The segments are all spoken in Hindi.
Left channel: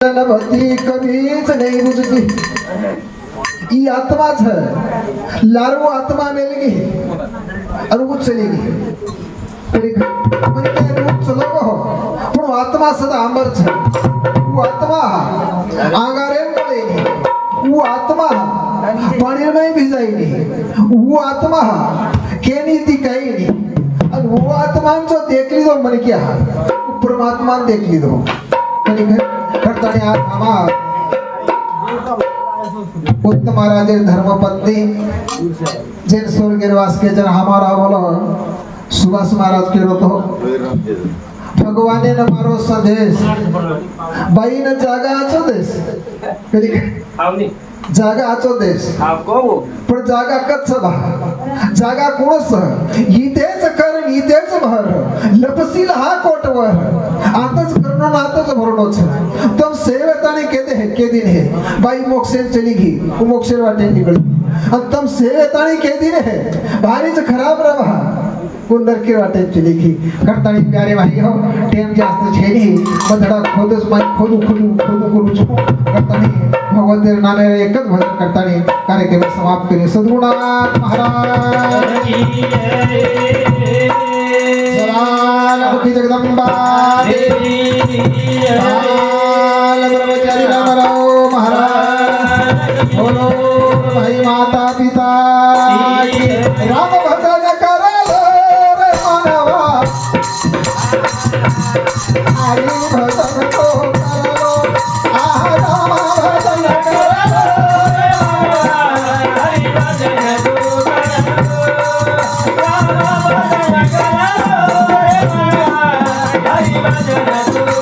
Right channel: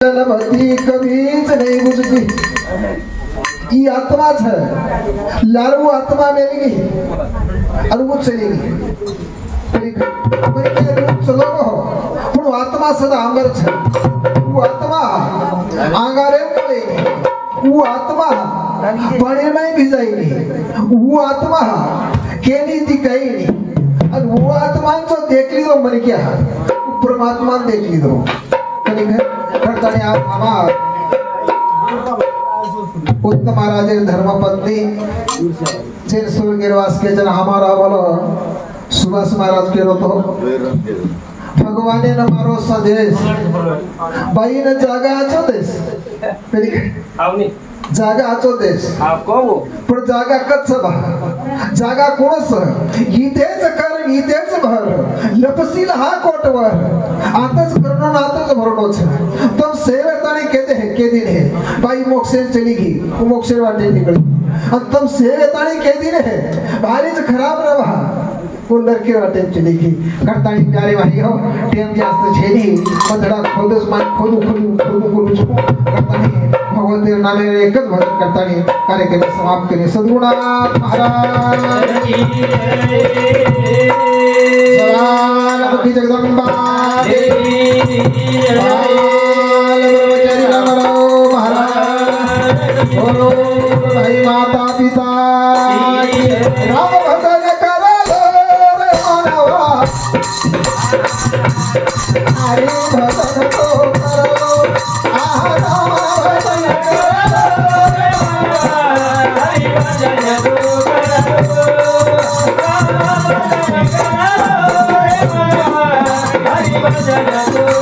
भक्ति कभीच नहीं बुझती। ये आत्मा है, लालू आत्मा मिलेगी और वो चलेगी। चलो वो आत्मा सदा अमर है। वो आत्मा आगारे मिलेगी, वो आत्मा पानी में भी जाएगी, वो आत्मा केनी दिखाई नहीं। और वो आत्मा जो देख ली दो मन क्या परमात्मा देख ली दो उत्तम महाराज धर्मपत्नी जिन स्वर्ग निवास के जन हमारा वाला सुभाष महाराज के रोतो भगवान ने मारो संदेश भाई ने जागा आचो देश जागा आचो देश पण जागा कच्छ जागा कोणस इथेच कर इथेच भर लपसील हा कोटवर आताच करणं आताच भरणोच तुम सेवेताने के दिन है भाई मोक्षे चली गई मोक्षे वाटे निकली और तुम सेवेताने के दिन है भारीच खराब रहा कुंडर के वाटे चली गई करतानी प्यारे भाई हो टेम जास्त छेली बदड़ा खोदस मन खोदू करतानी भगवान तेरे नामे एकच भजन करतानी कार्यक्रम समाप्त करिए। सद्गुणानाथ महाराज की जय। जगदम्बा देवी ब्रह्मचारी रामराव महाराज भाई माता पिता राम भजन करो रे मानवा हरि भजन को करो राम भजन करो रे मानवा हरि भजन को करो राम भजन करो रे मानवा हरि भजन को करो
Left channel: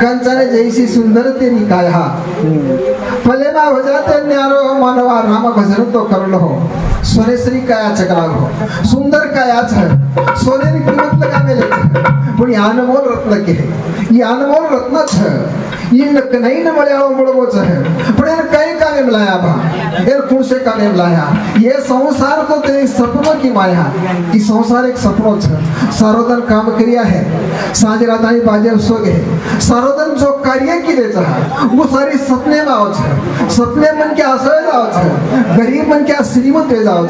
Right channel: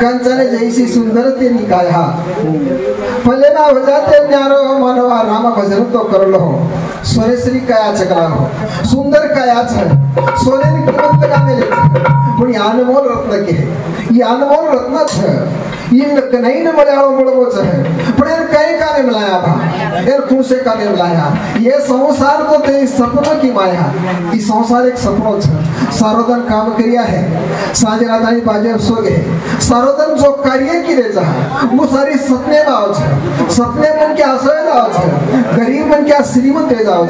कंचन जैसी सुंदर तेरी काया भले ना हो जाते न्यारो मनवा राम भजन तो कर लो सोने श्री काया चकरा लो सुंदर काया सोने की कीमत लगा मिले पण अनमोल रत्न के ये अनमोल रत्न इन नहीं न मलयाओ मुड़मो पण इन कई काने मिलाया बा इन कौन से काने मिलाया ये संसार तो तेरी सपनों की माया ये संसार एक सपनों सारोदन काम करिया है सांझ रातानी बाजे सो गए सारोदन जो कार्य की रे वो सारी सपने में आओ सपने मन के आसवे जाओ गरीब मन क्या श्रीमंत हो जाओ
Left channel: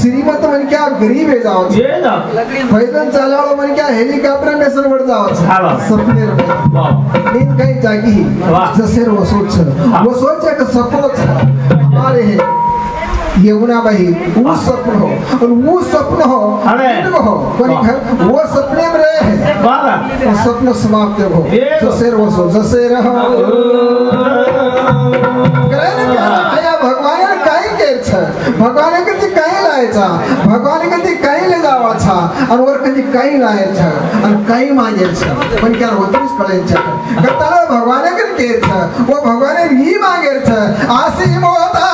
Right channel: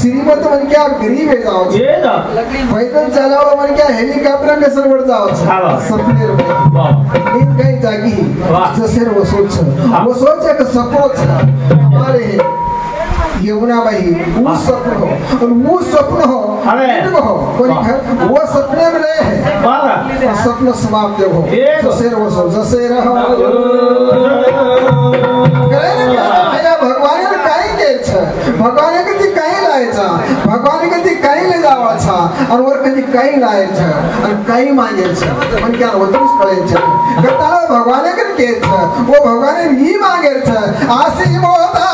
श्रीमंत मन क्या गरीब हो जाओ पैदल चलाओ मन क्या हेलीकॉप्टर में सर बढ़ जाओ सपने नींद कहीं जागी जैसे वो सोच है कि सपनों हमारे यमुना भाई वो स्वप्न हो और वो स्वप्न हो हो वो सपने में रहे हैं स्वप्न समाप्त हो जैसे रहो जैसे रहो भगवान काही केलं भगवान कधी काही लायचा भगवान कधी काही ले जावाचा आणि वर कधी काही लायचा आणि काही मागायचं पण क्या होतच कळायचं कताला भगवान कधी केलं वो भगवान ही मागायचं आसी मोता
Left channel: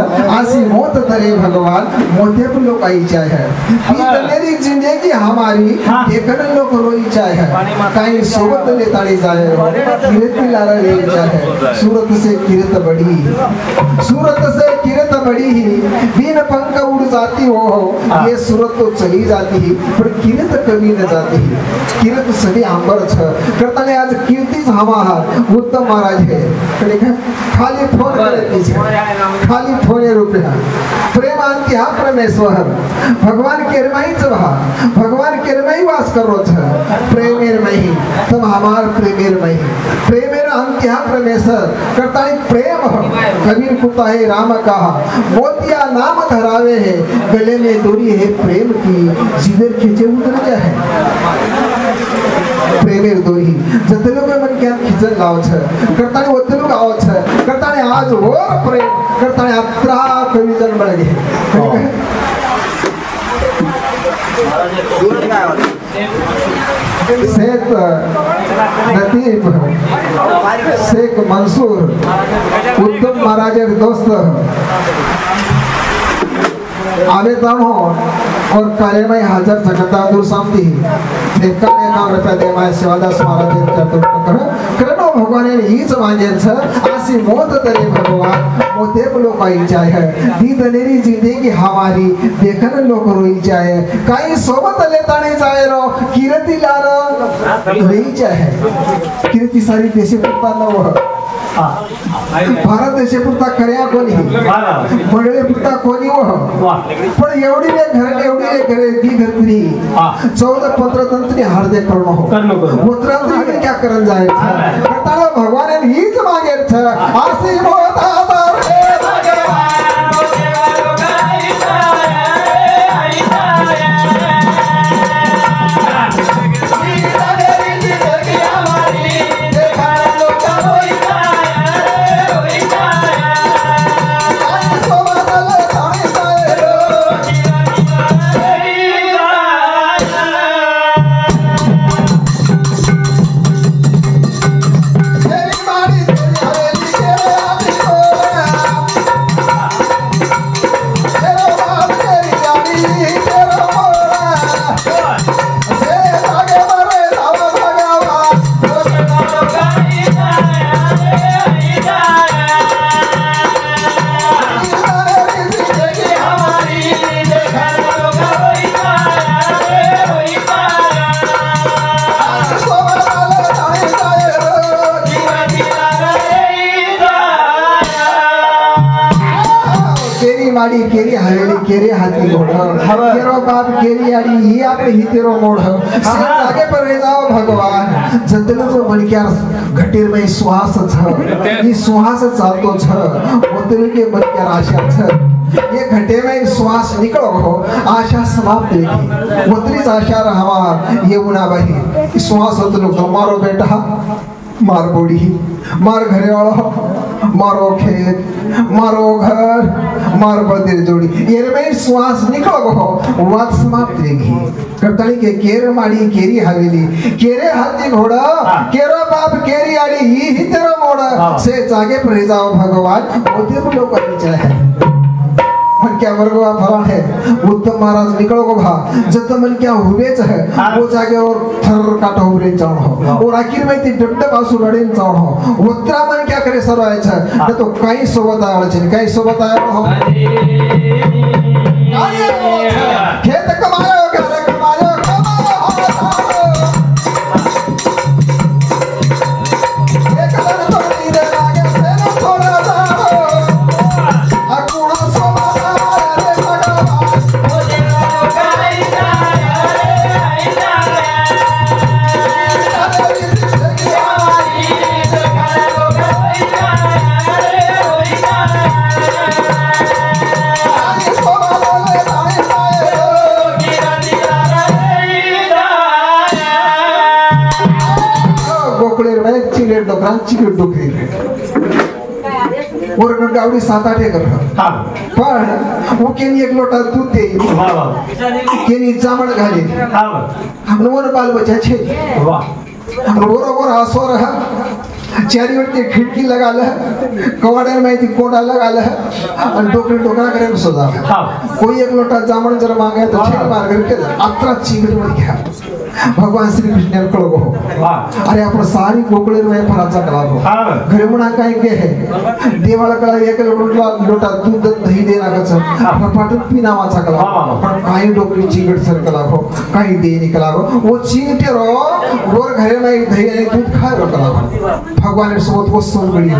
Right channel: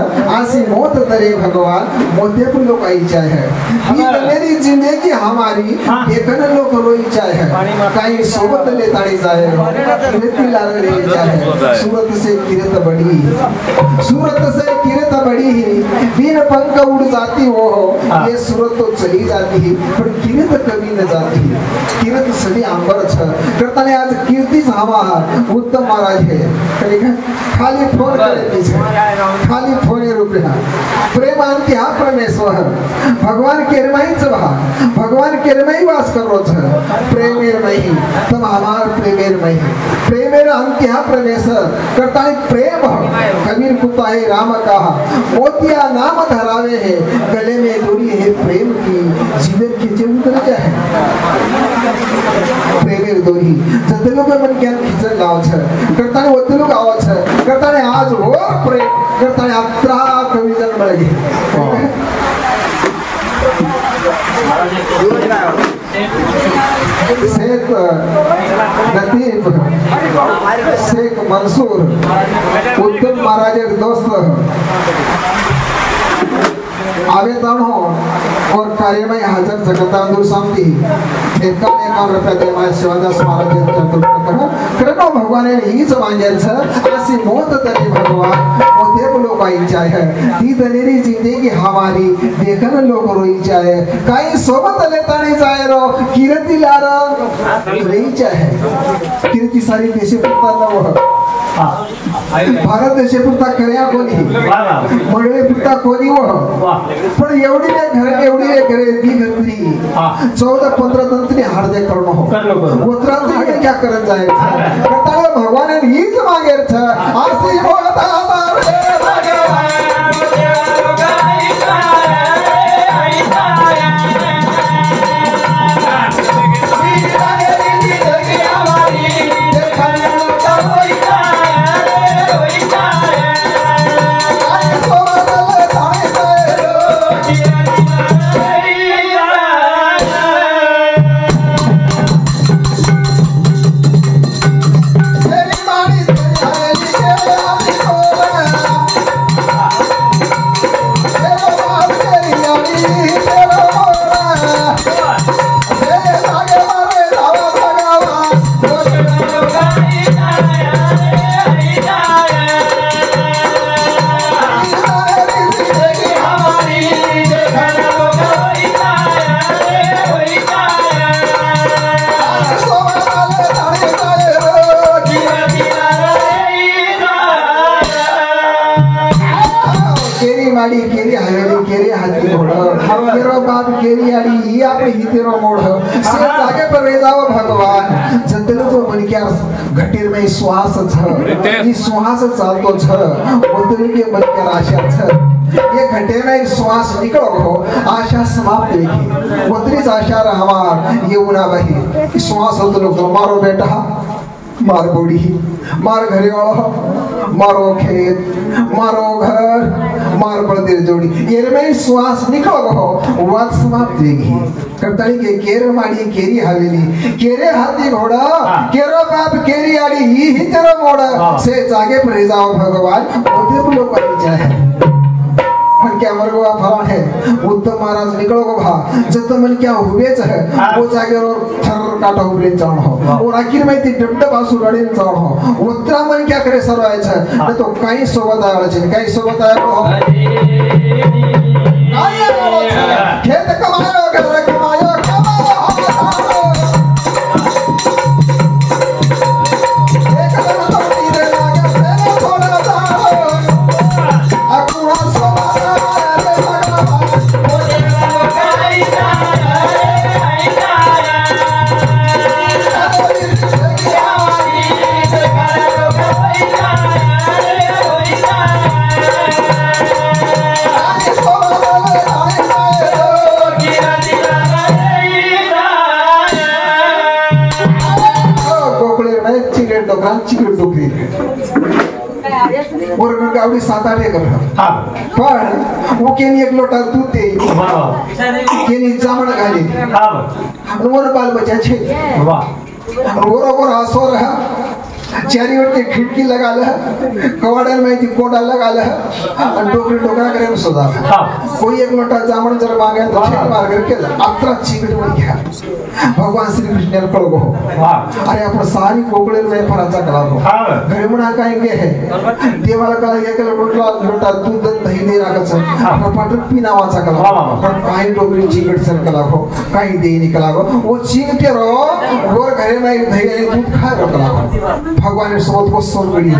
रे भगवान मोते लोकाई भगवान मोते पर लोग आई चाहे है मेरी जिंदगी हमारी देखने लोग रोई चाहे है कहीं सोबत ले ताड़ी जाए किरत लारा ले जाए सूरत से किरत बड़ी ही बिन पंख उड़ जाती हो ये सूरत तो चली जाती ही पर किरत कभी न जाती किरत सभी अंबर छ करता ने आज कीर्ति हवा उत्तम महाराज है खाली फोन करे पीछे खाली फोने रुपया प्रेमांती हा परमेश्वर भगवान केरमई चवा भगवान केरमई वास करो छ प्रेमेर नहीं तुम हमार प्रेमेर नहीं प्रेमेर अंती हा परमेश्वर करता है प्रेम कबीर कुता है राम कहा मोतिया नाम धरावे है गले में दूरी है प्रेम की जीवर खींचे उतर जाए प्रेमेर दोरी जते लोग मन क्या खिचन गाव छ करता है वो लोग आव छ करता है आज और प्रेम करता है अत्रा कवि जन बड़े शेख नतीब शेख मंसूर उत्तम महाराज दोस्त आवेदन हो और कार्यमय हाजर जगता दूर शांति एकाम रुपया दे माय शिवादास महाराज करो भगवान ही समाजन छ आसी मोत तरे भगवान मोते लोग आई जाए दी दनेरी जिंदगी हमारी देखन लोग रोई जाए काई सोबत लेता नहीं जाए रो कीर्ति लार रही जाए कीर्ति सारी देशे पुरता न हो भारत देशे पुरता कर्या कोणी मंडळी पुरता कोणी हो पण एवढी रे घरे दी घरती 14-15 तंत्री हार्दे करणं हो उतरांत्री क्या करन जाए करताले भगवान हीच मागेर छ आसी मोता केरी हवेली केरी हाथी घोड़ केरो बाप केरी आड़ी ही आपने ही तेरो मोड़ से आगे पर रह जाओ भगवान जतने तो बन क्या घटीर में श्वास छ ये श्वास चालतो छ उतने के बन क्या आशा छ ये घटे में श्वास निकलो हो आशा समाप्त होगी उतनी आशा हमार ये उना वही श्वास होते लोग मारो बेटा मार बूढ़ी मार घरे वालों मारो खेत मारो घर कमर पड़ती जोड़ी ये में श्वास निकलो हो वाक समाप्त होगी कटड़ी के केर माड़ी केरी हवेली केरे हाथी घोड़ा केरो बाप केरी आड़ी ही तेरा मोड़ा से जागे पर जाओ भगवान उद्यम लोग बन जाए मन क्या वर्गवा फला है उत्तम महाराज निकलो को भा जब मन क्या हुए है वो जाके और थर काटा हुए जाओ हो और आखिर में ती डब्डे बासु रड़े जाओ हो उत्तरा मन क्या करे सर आए छे तो कई सोबत आवे छे कई सोबत आवे हो काय हो खेत कमायो घर कमायो चिकट डोकरी और गावडी 7-8 एकर पण वो केनी एक लोटा दूध दे केनी जामण घाली नवर बाल बच्चा छे और हसो रहा चारी ओर खिड़की लगा ले कवाड़े में थी कोड़ा लगा ले और डोकरी डोकरा करे सदा कोई एक लोटा जामण जल मांगे तो छेक मार करके अतरा चिकट मर गया भगवान श्री कृष्ण ने कहो अरे अपन सारी गोकुल में फराचा कला हो घरे मुना काई के है देवाल का एक लोटा दूध दही दे रहा कच कपाट पीना वाचा कला पण काई डोकरी चिकट सर कला हो काई दे निकला हो वो चिकटे रो और घरे में दही दूध खा रो कला हो भगवान ने सोच को सोच गई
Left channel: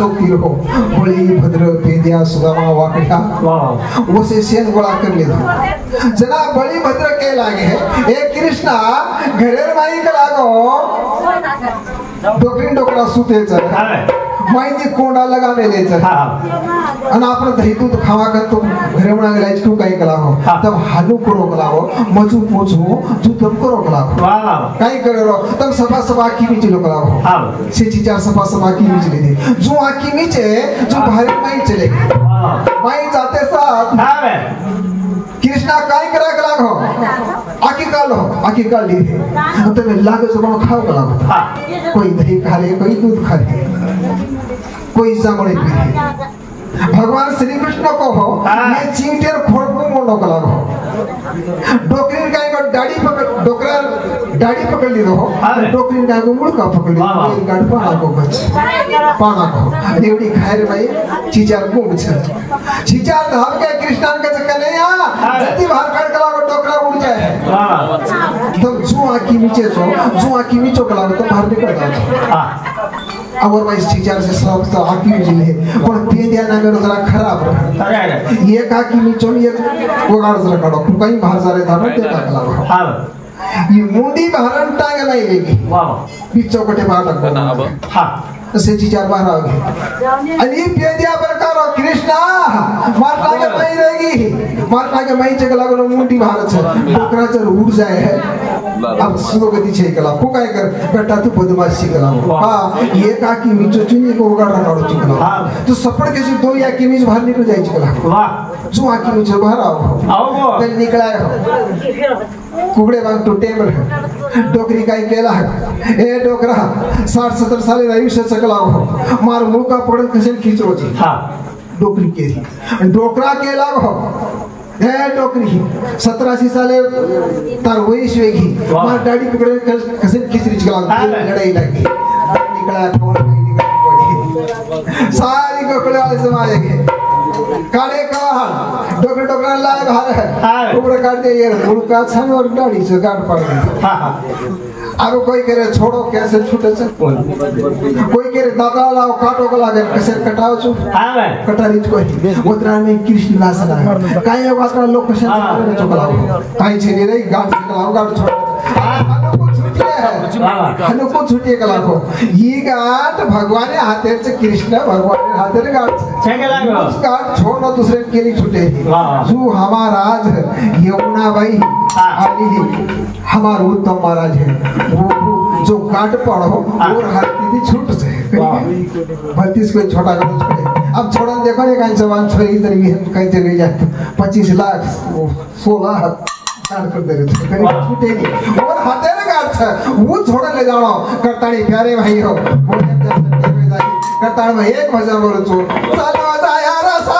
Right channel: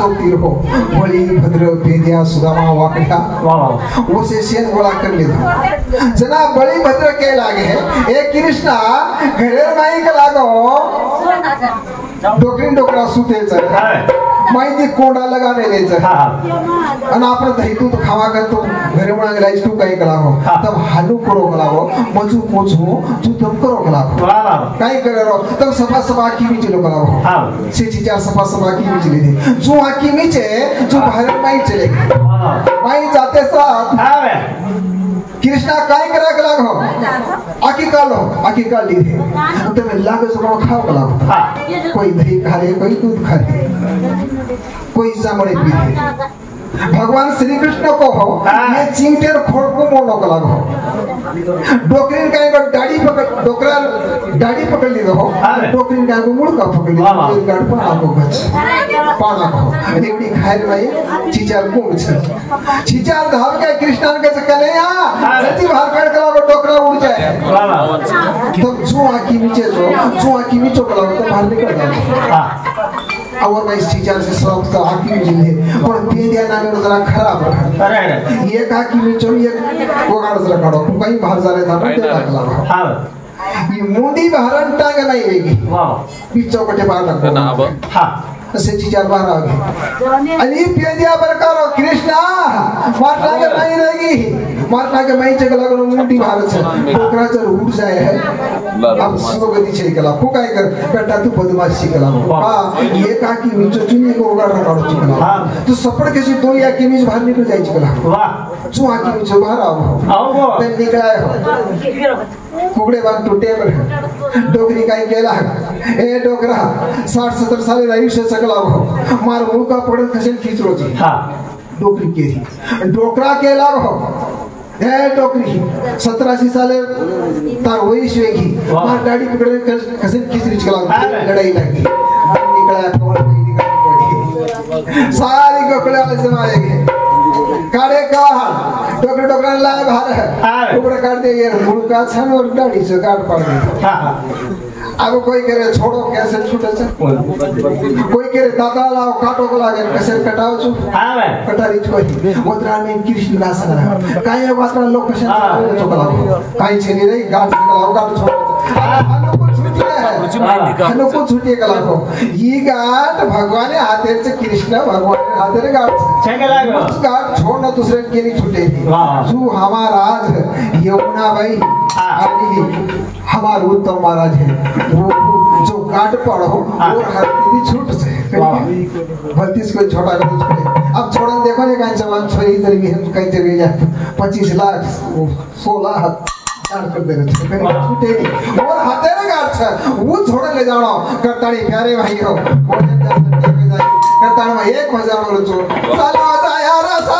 सोती हो बोली भद्र पेंदिया सुदामा वाकड़ा वो से सेन गोला कर ले जना बड़ी भद्र के लागे है ए कृष्णा घरे माई के लागो डोकरी डोकरा सुते छ माई कोड़ा लगावे ले छ अन आपन दही दूध खावा कर तो घरे मुना लाइज को काई कला हो तब हालू करो कला हो मजू पोछो तू तब करो कला हो काई करे रो तब सभा सभा की बीच लो कला हो से चीजा सभा सभा की बीच ले दे जो आकी नीचे जो भारत में चले माई जाते साथ कृष्णा काई करा कला हो आकी का ली थे तो मैं लाग जमा खाओ कला कोई दही खा ले कोई दूध खा ले कोई जामड़े पी ले भगवान श्री कृष्ण को हो ये चिंटेर खोड़ को मोड़ो कला हो डोकरी का एक दाढ़ी पकड़ डोकरा दाढ़ी पकड़ ली हो डोकरी का एक मुड़का पकड़ ली एक गाड़ पाना को बच पाना को एवडी खायर में चीचार को बच चीचार धाव के कृष्ण के चक्कर नहीं आ जल्दी बाहर कर कला को डोकरा उड़ जाए तब जो आकी नीचे जो आकी नीचे कला तो बाहर निकल जाए और मैं इस चीचार से सब तो आकी में जिले और पेंदिया नागर जरा खराब है ये का की में चोरी वो गाड़ जरा काढो कहीं बाहर जा रहे था ना तेरा कला हां ये मुंडी बाहर टांग नहीं रहेगी पीछे कटे बाहर लगो हां से चीचार बाहर आ गए अली पेंदिया बरकारो कृष्णा मारना के नहीं रहेगी मारना के मैं चला करो मुंडी बाहर से डोकरा चर उड़ जाए है अब सुगति छे कला फुकाय कर बेटा तू बदमाशी कला हां ये का की मिचो चुनी को उगाड़ काढो चिकला हां तो सपड़ के सी तो या की मिच बाहर निकल जाई चिकला वाह जो आकी मिचो बाहर आओ ते निकला है कुगड़े बाग टूटे पर डोकरी काई केला ए डोकरा 60-70 साल आयुष्य सकला हो मार मुंह का पकड़ कसे खींचो जी हां डोकरी के डोकरा केला हो ए टोकरी 17-80 साले तार वयस वेगी मार दाढ़ी पकड़े कसे खिचरी चला लड़ाई लगी निकला कौन नहीं निकल पड़ी सारी गोकले वाले समाएंगे काड़े का डोकरे डोकरे ला बाहर है ऊपर काट दे ये मुड़का छन और दाढ़ी से काट पड़ गई अब कोई करे छोड़ो कैसे छूटे से कोई करे दादा लाओ काटो को लागे कैसे कटाओ छु हां मैं कटारी कोई गोत्रा में कृष्ण लासना काय वात्रा लोग कैसे चोकला काय छेनी रे गाड़ छोड़ हनुको छुट्टी कला को ये गाट भगवान हाथे से कृष्ण भगवान हाथे रे गाट छेकला उस गाट छोड़ना दूसरे के नहीं छूटे जो हमारा राज यमुना भाई अभी हमारा उत्तम महाराज है वो जो गाट पड़ो और हर दीदी छूट से भतीस को छोटा कर अब छोड़ा देखो ये कहीं जवान छोरी इधर भी हम कहीं चले जाए 25 लाख 16 काट कर दे रहे थे कहीं छूटे नहीं और हाथे ना काट था वो छोड़ ले जानो करताड़ी प्यारे भाई हो करताड़ में एक भजन बोलो चो चलो जाया रसा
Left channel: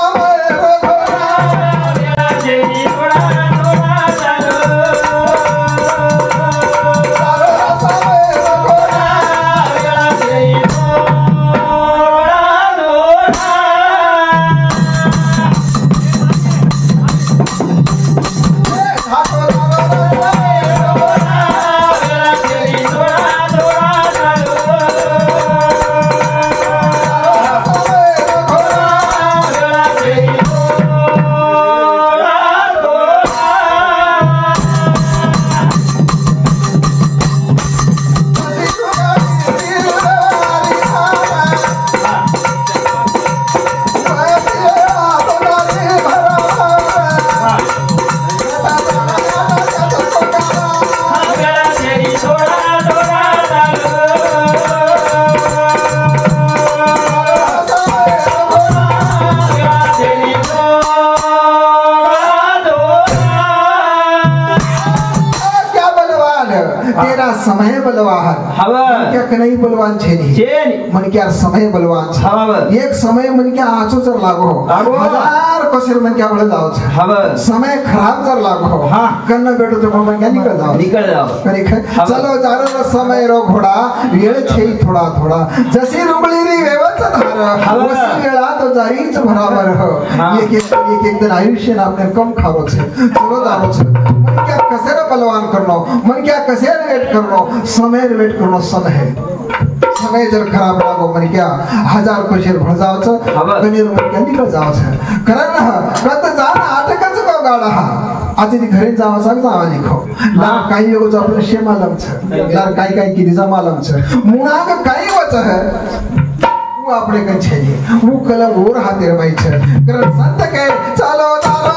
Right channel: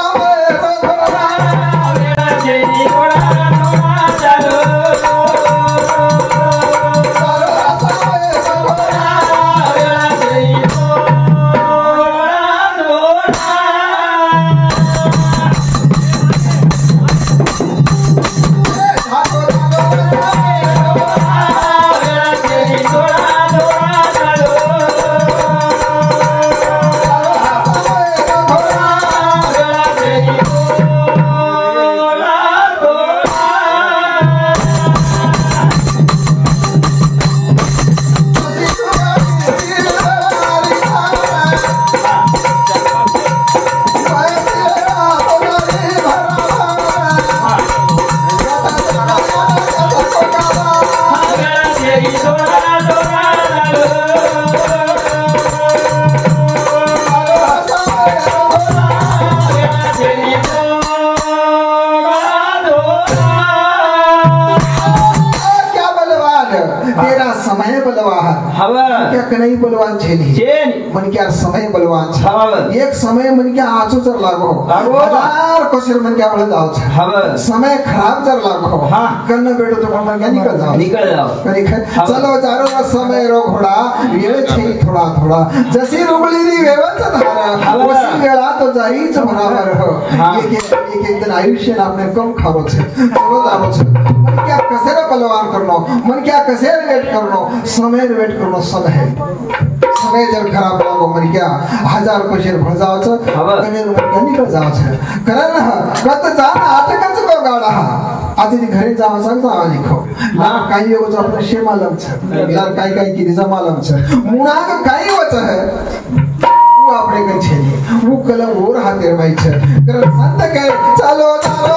समय बलवान क्या कहीं बलवान छे नहीं मन क्या समय बलवान छे एक समय मन क्या आंचो चर लागो हजार कसेर मन क्या बल जाओ समय खराब चर लागो करना बैठो तो मन क्या निकल जाओ चलो जारो समय रो घोड़ा वेळ छे थोड़ा थोड़ा जैसे रुगली री व्यवस्था धारा वसी वेळा तो जारीच बराबर हो एक दिन आयुष्य आपने कम खावो छे चलो जारो छे मन क्या कसेर बलवान करनो मन क्या कसेर वेट करनो समय वेट करनो समय जर खराब लागो मन क्या हजार कशेर भजावचं कनेर मन निकल जावचं कारण कत जाना आटकच को गाडा आधी घरी जावचं जावा निखो लार काही होच आपलं शे मालम छ लार काही काही किरी जा मालम छ मुळा काही होच वो आपले कन छे वो कलम और हाते रमाई छ कारण संत के चालो चालो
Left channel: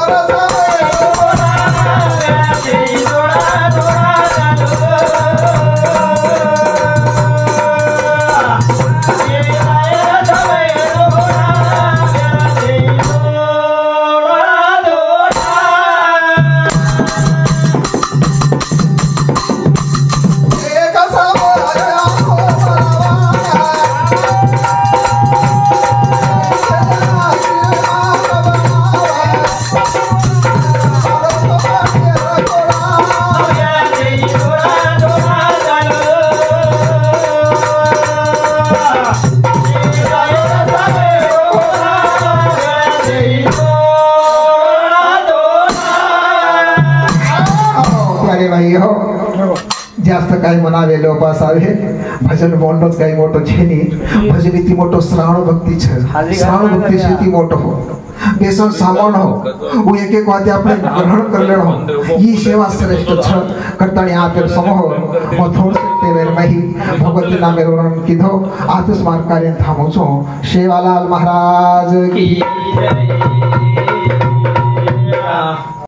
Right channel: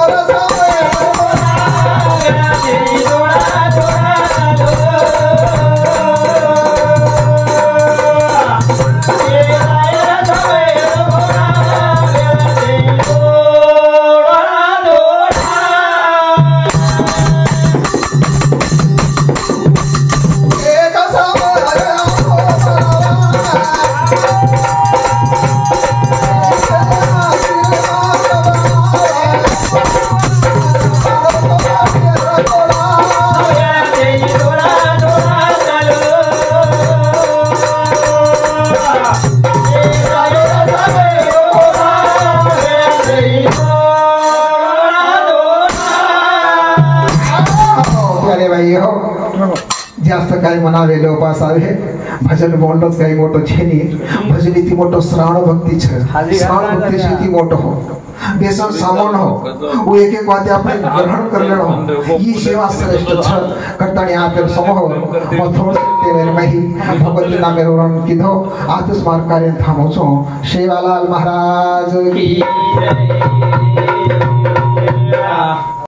जास्त काय म्हणावे लोपास आहे भजन मोठोच काही मोठो छेनी भजन इति मोठो श्रावण भक्ति छ श्रावण भक्ति इति मोठो हो बेसन सामन हो वो एक एक वाद्य आपने ग्रहण कर लेनो ये सेवा श्रेष्ठ छ करताणी आपे समूह वो थोड़े तेरे नहीं भगवती नाम रोन किधो आतिश मार कार्य थामो छो शेवालाल महाराज की जय।